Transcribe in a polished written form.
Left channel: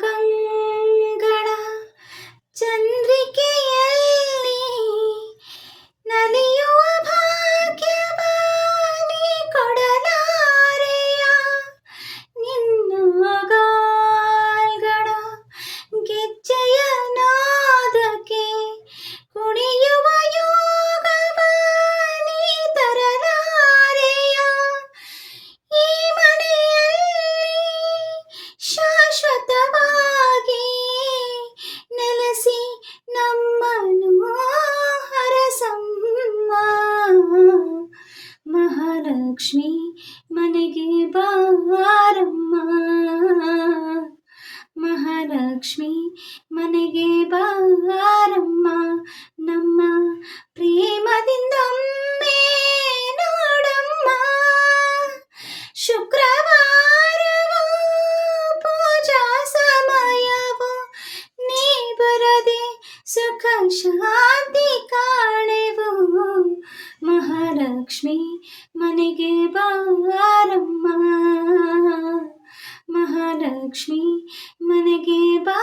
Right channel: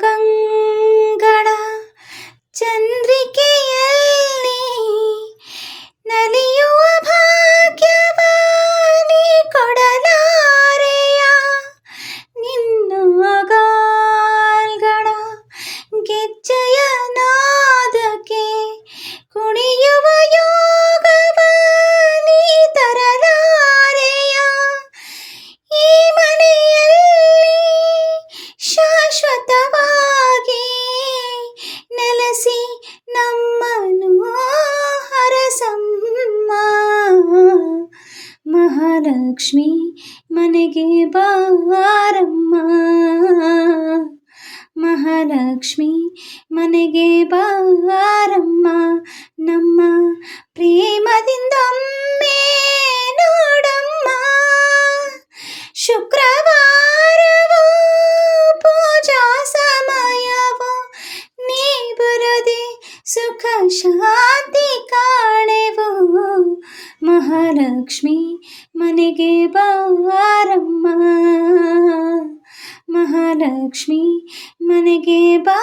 ಗಂಗಳ ಚಂದ್ರಿಕೆಯಲ್ಲಿ ನಲಿಯುವ ಭಾಗ್ಯವ ನೀ ಕೊಡಲಾರೆಯ. ನಿನ್ನ ಗಾಲ್ಗಳ ಗೆಜ್ಜೆಯ ನಾದಕ್ಕೆ ಕುಣಿಯುವ ಯೋಗವ ನೀ ತರಲಾರೆಯ. ಈ ಮನೆಯಲ್ಲಿ ಶಾಶ್ವತವಾಗಿ ನೆಲೆಸಿ ನಮ್ಮನ್ನು ಹರಸಮ್ಮ. ಮಹಾಲಕ್ಷ್ಮಿ ಮನೆಗೆ ಬಾರಮ್ಮ. ಮಹಾಲಕ್ಷ್ಮಿ ಮನೆಗೆ ಬಾರಮ್ಮ. ನಮ್ಮ ಪ್ರೇಮದಿಂದೊಮ್ಮೆ ನೋಡಮ್ಮ. ಶುಕ್ರವಾರವೋ ಪೂಜಾ ಸಮಯವೋ ನೀ ಬರದೆ ಸುಖ ಶಾಂತಿ ಕಾಣೆವು. ಮಹಾಲಕ್ಷ್ಮಿ ಮನೆಗೆ ಬಾರಮ್ಮ. ಮಹಾಲಕ್ಷ್ಮಿ ಮನೆಗೆ ಬಾ